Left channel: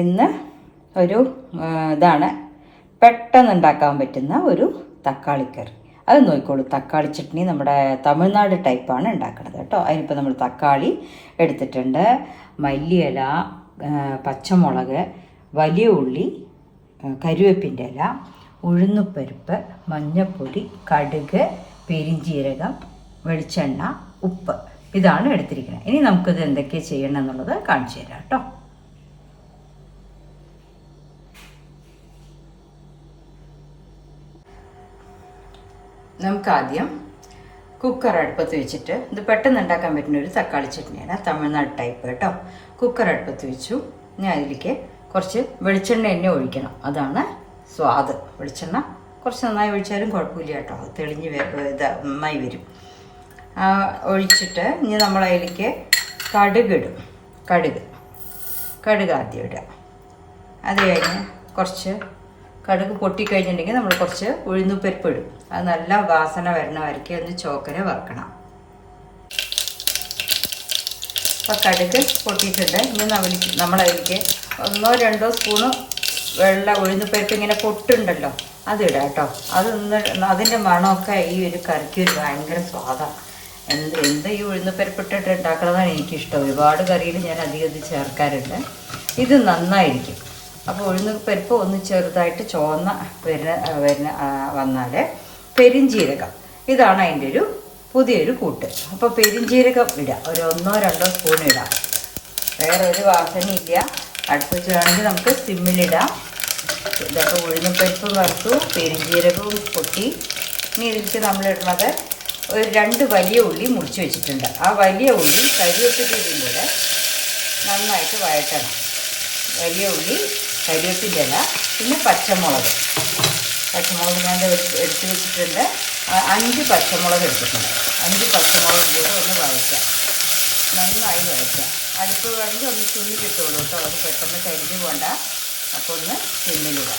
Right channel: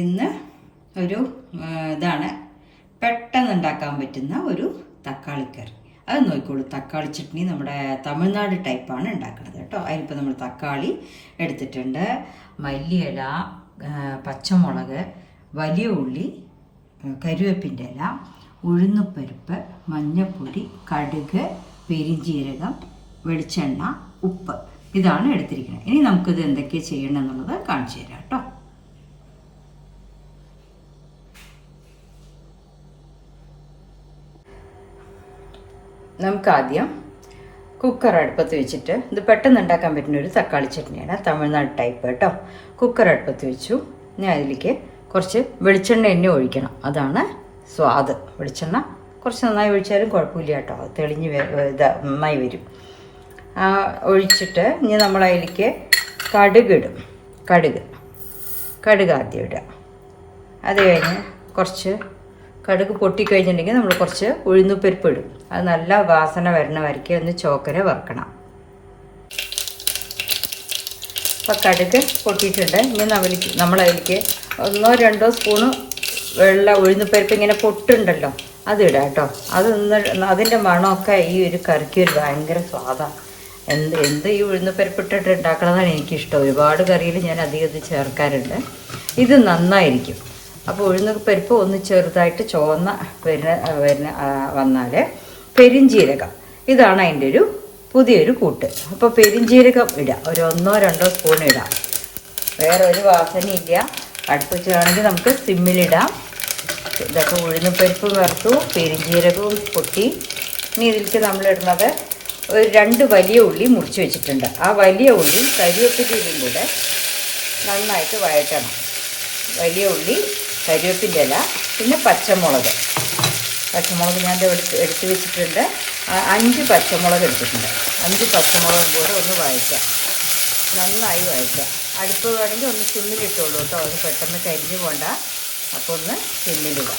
ഇന്ന് ഒരു ഇതാണ് പെട്ടെന്ന് ഉണ്ടാക്കാൻ പറ്റുന്ന ഒരു തക്കാളിക്കറി. അത് നോക്കിക്കോളൂ. തക്കാളി ചട്നി നമ്മുടെ തമിഴ്നാട് ടൈപ്പാണ് ഉണ്ടാക്കുന്നത് കേട്ടോ. അതിനിപ്പോൾ നമ്മൾ തക്കാളി എടുത്തിട്ടുണ്ട്, മല്ലിയില, പച്ചമുളക്, വലിയ ഉള്ളി, കരിവേപ്പിൻ്റെ ഇല, ഉഴുന്നുപരിപ്പ്, മഞ്ഞൾപ്പൊടി, കടുക്, പെരിഞ്ജീരകം, വെളിച്ചെണ്ണ, ഉപ്പ്, ഇതാണ് എടുത്തിരിക്കുന്നത്. ഇനി നമുക്കിത് എന്തൊക്കെ ചെയ്യണം എന്നുള്ളത് കാണിച്ചു തരാം കേട്ടോ. നമുക്ക് ആദ്യം കുക്കർ അടുപ്പത്ത് വെച്ചിട്ട്, ഇത് പെട്ടെന്ന് ഉണ്ടാക്കാൻ പറ്റുന്ന ഒരു തക്കാളി ചട്നിയാണ്, തമിഴ്നാട് ടൈപ്പ് കേട്ടോ. കുക്കർ അടുപ്പത്ത് വെച്ചു. ഇനി അതിലേക്ക് കുറച്ച് വെളിച്ചെണ്ണ എണ്ണ ഒഴിക്കണം, അതാണ് സ്വാദ്. വെളിച്ചെണ്ണ കുറച്ച് നന്നായി ഒഴിച്ചാലും കുഴപ്പമില്ല കേട്ടോ, അത് തെളിഞ്ഞ് നന്നായി വരും. ഒഴിച്ചിട്ട് ഇനി നമ്മൾ അതിലേക്ക് കടുക് ഇടും. കടുക് ആദ്യം ഇടുക. അത് കഴിഞ്ഞ് കുറച്ച് കടുക് പൊട്ടിക്കഴിഞ്ഞിട്ടുണ്ടെങ്കിൽ നമ്മൾ കുറച്ച് ഉഴുന്നുപരിപ്പ് ഇടും. അത് നല്ല വാസന വരണ വരയ്ക്ക് ഒന്ന് ചോക്കര വറുക്കണം. അപ്പോൾ കടുക് പൊട്ടിയിട്ടിട്ട് ഇനി നമ്മളതിലേക്ക് 1-2 സ്പൂണ് ഉഴുന്നുപരിപ്പ് ഇങ്ങനെ പൊട്ടുണ്ടല്ലോ, അത് ഇടാം കേട്ടോ. അതിൻ്റെ മണമൊക്കെ ഈ ഒരു കറിക്ക് ഭയങ്കര സ്വാദാണ്. എന്ത് ഈ ഉഴുന്നുപരിപ്പിട്ടിട്ട് ഉണ്ടാക്കണതാണ് എനിക്കിഷ്ടം. ഒരുപാട് കറിയിൽ ഞാൻ അധികം ചേർക്കാറുണ്ട്. ഇത് നന്നായിരിക്കും. അപ്പോൾ ഉഴുന്നുപരിപ്പ് ഒന്ന് ചെറുതായിട്ട് ചുവന്ന വന്നാൽ പെരിഞ്ജീരകം, ഇതാണ് അതിൻ്റെ ഒരു പുതിയൊരു കൂട്ട്. അപ്പോൾ പെരിഞ്ജീരകം ഇടാം, ഒരു 1-2 സ്പൂൺ ഇടാം. വേറെ ഒരു വാസനയില്ല. അടുപ്പിച്ചാണെങ്കിൽ നമുക്ക് സിമ്മിലിടാം. ഇതൊക്കെ ഉഴുന്നുപരിപ്പ് വറുത്തു, പെരിഞ്ജീരകവും പൊട്ടി. ഇനി ഇതിലേക്ക് നമ്മളിടുന്നത് ഒരു 2 വലിയ ഉള്ളി മുറിച്ച് വെച്ചിട്ടുണ്ട്. ആ വലിയ ഉള്ളി കരിവേപ്പിൻ്റെയും കൂടെ നന്നായിട്ട് വഴറ്റണം. വലിയ ഉള്ളി, കരിവേപ്പിൻ്റെ ഇല, പിന്നെ പച്ചമുളക് ഞാൻ എടുത്ത് വെച്ചിട്ട് 5 പച്ചമുളക് എടുത്തിട്ടുണ്ട്. 5 പച്ചമുളക് കൂടി ഒന്ന് വഴറ്റാം, നന്നായി വഴറ്റാം. അടുപ്പ് വേണമെങ്കിൽ ഒന്ന് സിമ്മിലിട്ടോളൂ കേട്ടോ, ഒന്ന് പെട്ടെന്ന് കരിഞ്ഞു പോണ്ട. അപ്പോൾ ഒന്ന് സിമ്മിലിടുക.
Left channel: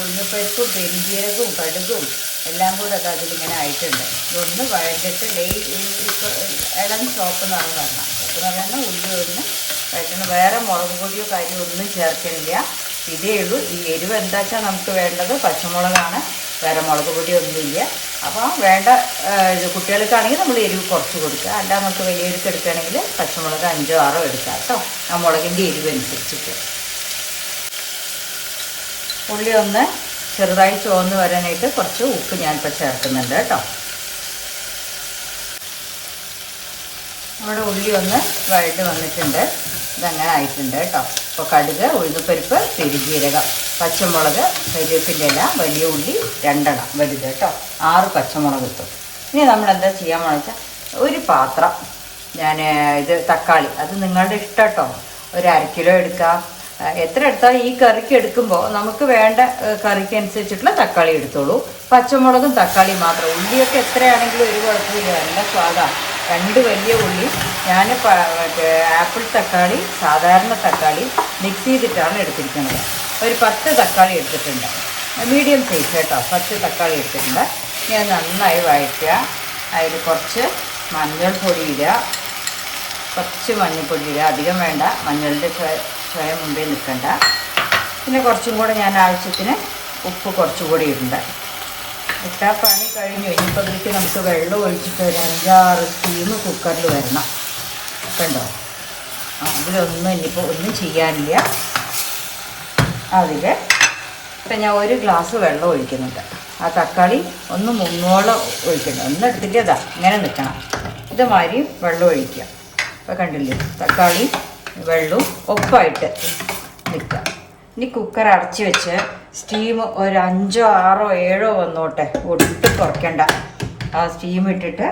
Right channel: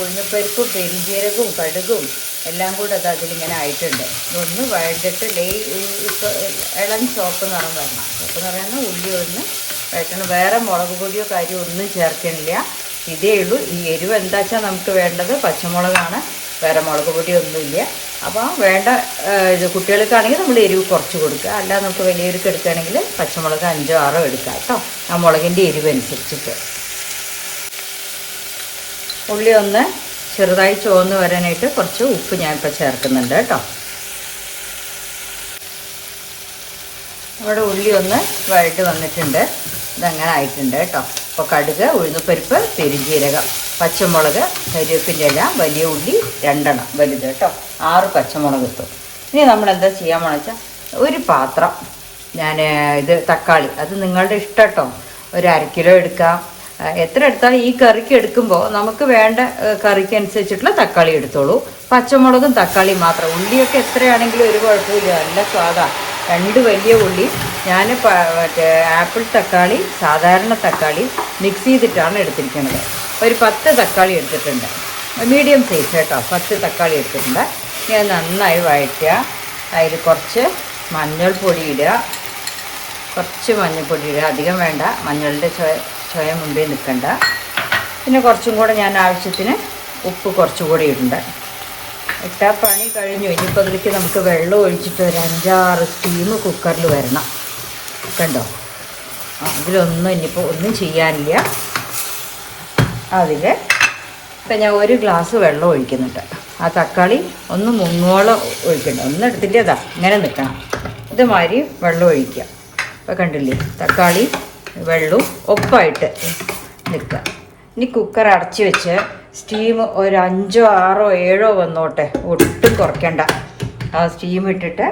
ഉഴുന്നുപരിപ്പും പെരിഞ്ജീരകവും കടുകും എല്ലാം കൂടെ അതിലിങ്ങനെ ആയിട്ടുണ്ട്. ഒന്ന് വഴറ്റിട്ട് ഇളം ചോപ്പ് എന്നാണ് പറഞ്ഞത്. അപ്പോൾ പറയുന്നത് ഉള്ളി ഒന്ന് വഴറ്റണം. വേറെ മുളക് പൊടിയോ കാര്യമോ ഒന്നും ചേർക്കണില്ല, ഇതേ ഉള്ളൂ. ഈ എരിവ് എന്താ വെച്ചാൽ നമുക്ക് വേണ്ടത് പച്ചമുളകാണ്, വേറെ മുളക് പൊടിയൊന്നുമില്ല. അപ്പോൾ വേണ്ട ഇത് കുട്ടികൾക്കാണെങ്കിൽ നമ്മൾ എരിവ് കുറച്ച് കൊടുക്കുക. അല്ലാതെ നമുക്ക് വലിയവർക്ക് എടുക്കുകയാണെങ്കിൽ പച്ചമുളക് 5-6 എടുക്കാം കേട്ടോ, ആ മുളകിൻ്റെ എരിവ് അനുസരിച്ചിട്ട്. ഉള്ളി ഒന്ന് ചെറുതായി ചുവന്ന് വരാനായിട്ട് കുറച്ച് ഉപ്പ് ഞാനിപ്പോൾ ചേർക്കുന്നുണ്ട് കേട്ടോ. അവിടെ ഉള്ളി ഒന്ന് വഴറ്റി വന്നിട്ടുണ്ട്, ഇതങ്ങനെ ആയിട്ടുണ്ട് കേട്ടോ. അപ്പോൾ കടുക്, ഉഴുന്നുപരിപ്പ്, പെരിഞ്ജീരകം, പച്ചമുളക്, കരിവേപ്പിൻ്റെ ഇല, വലിയ ഉള്ളി 2 വലുത് കേട്ടോ, 6 പച്ചമുളക് ഇട്ടു. ഇനി നമ്മൾ എന്താ ചെയ്യാമെന്ന് വെച്ചാൽ ഒരു പാത്രം ഇത് തക്കാളി, അത് നിങ്ങളുടെ ഇഷ്ടം കേട്ടോ, ഒരു 1/2 കിലോ എടുക്കാം. എത്ര എടുത്താൽ ഈ കറിക്ക് എടുക്കുമ്പോൾ നമുക്ക് വേണ്ട കറിക്ക് അനുസരിച്ചിട്ടുള്ള തക്കാളി എടുത്തോളൂ. പച്ചമുളകും തക്കാളിയും മാത്രം. ഉള്ളിയൊക്കെ എത്രയാണെങ്കിലും ഒരു കുഴപ്പമില്ല, നല്ല സ്വാദാണ്. 2 വലിയ ഉള്ളി ഞാൻ ആപ്പിൾ തക്കാളി, സാധാരണ തക്കാളി മിക്സ് ചെയ്തിട്ടാണ് എടുത്തിരിക്കുന്നത്. ഒരു 10 തക്കാളി എടുത്തിട്ടുണ്ട്, മീഡിയം സൈസ് കേട്ടോ. 10 തക്കാളി എടുത്തിട്ടുണ്ട്. ഇനി അത് നന്നായി വഴറ്റുക. അതിൽ കുറച്ച് മഞ്ഞൾപ്പൊടി ഇടുക, അധികം വേണ്ട, മഞ്ഞളുടെ ചുവ മുമ്പേ നിൽക്കണ്ട. പിന്നെ കുറച്ചും കൂടെ ഞാൻ ആവശ്യത്തിന് ഉപ്പ് കുറച്ചുകൂടി ഇടണ്ട. ഇട്ടാൽ പണി കഴിഞ്ഞു. ഇനിയിപ്പോൾ അതിലേക്ക് നമുക്ക് വെള്ളം ഒഴിച്ചിട്ട് ഒരു 5-6 സ്റ്റീം കുക്കറിൽ വരണം. കണ്ടോ, അതിലൊന്നും ഇനിയിപ്പോൾ ഒന്നും ചെയ്യാനില്ല. അതിൽ ഇപ്പം ഞാൻ 1 ഗ്ലാസ് വെള്ളം ഒഴിക്കുന്നുണ്ട്. ആ തക്കാളി ഒന്ന് മുങ്ങോളം ഒഴിക്കണം. ഒന്ന് എടുത്തിട്ടേതാ ഇങ്ങനെ നിൽക്കണം. ഇതുമാതിരി വെള്ളം ഒഴിക്കുക. അപ്പോൾ കണ്ടില്ലേ, തക്കാളി വെള്ളവും ഒപ്പായിട്ട് നിൽക്കുക. ഇനി കുക്കർ അടച്ച് വെച്ച് സ്റ്റീം ഒരു 5-6 7 വന്നോട്ടെ, ഒട്ടും കുറയ്ക്കണ്ട. ആ സ്റ്റീം ഇട്ടിട്ട്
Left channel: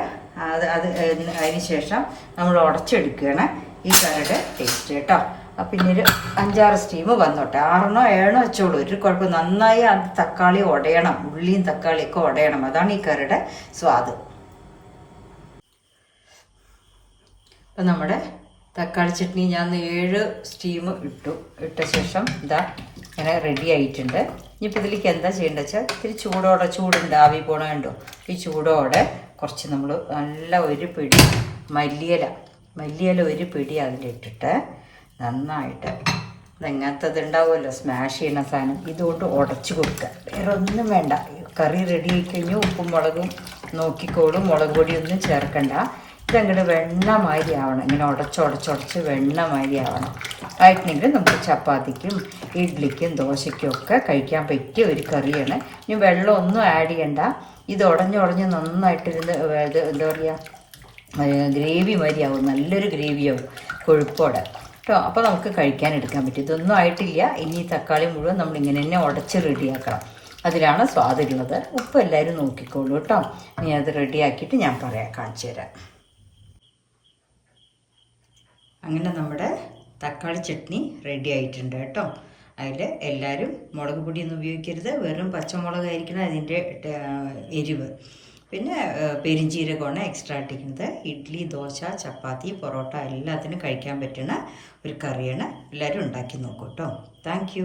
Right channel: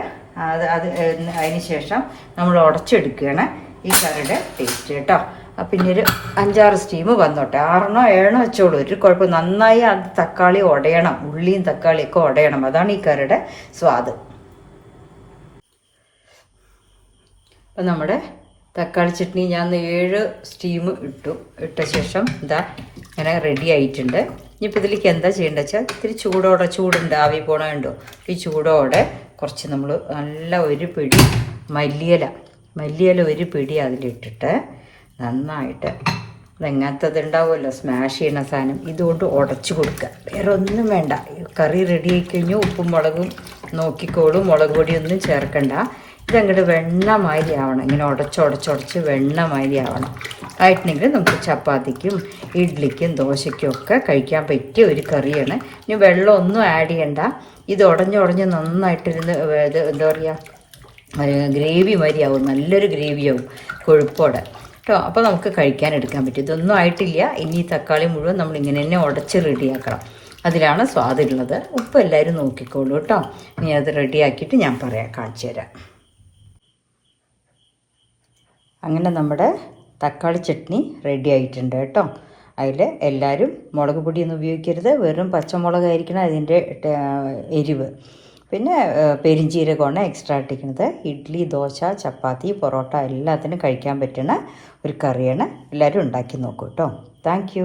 അതിന് ശേഷം നമ്മൾ ഉടച്ചെടുക്കുകയാണ് ഈ കറിയുടെ ടേസ്റ്റ് കേട്ടോ. അപ്പം ഇനി ഒരു 5-6 സ്റ്റീം വന്നോട്ടെ, 6-7 വെച്ചോളൂ, ഒരു കുഴപ്പം. നന്നായി അത് തക്കാളി ഉടയണം, ഉള്ളിയും തക്കാളിയൊക്കെ ഉടയണം, അതാണ് ഈ കറിയുടെ സ്വാദ്. അപ്പം നമ്മുടെ തക്കാളി ചട്നി ഞാൻ 7 സ്റ്റീം ഇട്ട ശേഷം ഇതാ ഇങ്ങനെ റെഡി ആയിട്ടുണ്ട്. ഇനിയിപ്പോൾ ഇതിലേക്ക് എന്താ ചെയ്യേണ്ടത് വെച്ചാൽ ഇത്തിരി ചൂടുണ്ട്, ആവി പോണുണ്ടോ, ഈ ചൂടോടെ കുറച്ച് നമ്മൾ നല്ല ഒരു പിടി മല്ലിയില 1 പിടി അതിലിട്ടിട്ട് നന്നായിട്ട് ഇതെങ്ങനത്തത് ഉണ്ടാവുമല്ലോ സ്മാഷ് ചെയ്യുന്ന സാധനം, ഇതുകൊണ്ട് ഉടച്ചു കൊടുക്കുക. വേറെ ഒന്നും വേണ്ട. കറി റെഡി ആയി കഴിഞ്ഞ് ഉപ്പും മുളകും നോക്കിക്കോളും, മുളക് പൊടിയൊന്നും ചേർക്കണ്ട. ഇതങ്ങോട്ട് വെണ്ണമാതിരി ആവണം. ഇങ്ങനെ ഉടച്ചുടച്ചുടച്ച് വെണ്ണമാതിരി ആവണം. ആയിട്ടുണ്ടെങ്കിൽ നമുക്ക് ചപ്പാത്തിക്കും ഇഡ്ഡലിക്കും ദോശയ്ക്കും ഒക്കെ കഴിക്കാൻ പറ്റിയ ഒരു കറിയാണ്. ഇനി വെള്ളമൊന്നും ആഡ് ചെയ്യണ്ട. ഇത് ഉടഞ്ഞുടഞ്ഞ് നന്നായിട്ടിരുന്ന് ഇത് എന്താ പറയുക, ഗ്രേവി മാതിരിയാവും, നല്ലൊരു ഗ്രേവിയാവും കൊഴുപ്പോടെ കേട്ടോ. അപ്പോൾ നമുക്ക് കഴിക്കാൻ എടുക്കാൻ പറ്റും. ഇതൊന്നും ആയിട്ടില്ല. ഇനി തക്കാളി മുഴുവൻ നമ്മളിങ്ങനെ തന്നെ ഉടച്ച് റെഡിയാക്കണം. അതിലാണ് സ്വാദുള്ളത്. ഉപ്പ് എല്ലാവരും നോക്കിക്കോളൂ കേട്ടോ. ഇനി അത് റെഡിയാക്കിയിട്ട് ഞാൻ പറയാം, കാണിച്ചു തരാം. അങ്ങനെ നമ്മുടെ തക്കാളി ചട്നി റെഡി ആയിട്ടുണ്ട് കേട്ടോ. അതിൽ എല്ലാവരും മുളക് പൊടിയൊന്നും ഉപയോഗിക്കരുത്, വെറും പച്ചമുളകായിരിക്കണം അതിൻ്റെ എരിവ്. പിന്നെ പെരിഞ്ജീരകമാണ് എക്സ്ട്രാ ഇട്ടിരിക്കുന്നത്. ഇഡ്ഡലി, ദോശ, ചപ്പാത്തി, പൊറോട്ട എല്ലാത്തിനും കഴിക്കാൻ പറ്റുന്ന ഒരു കറിയാണ്. എല്ലാവരും ഉണ്ടാക്കി നോക്കൂ കേട്ടോ. താങ്ക്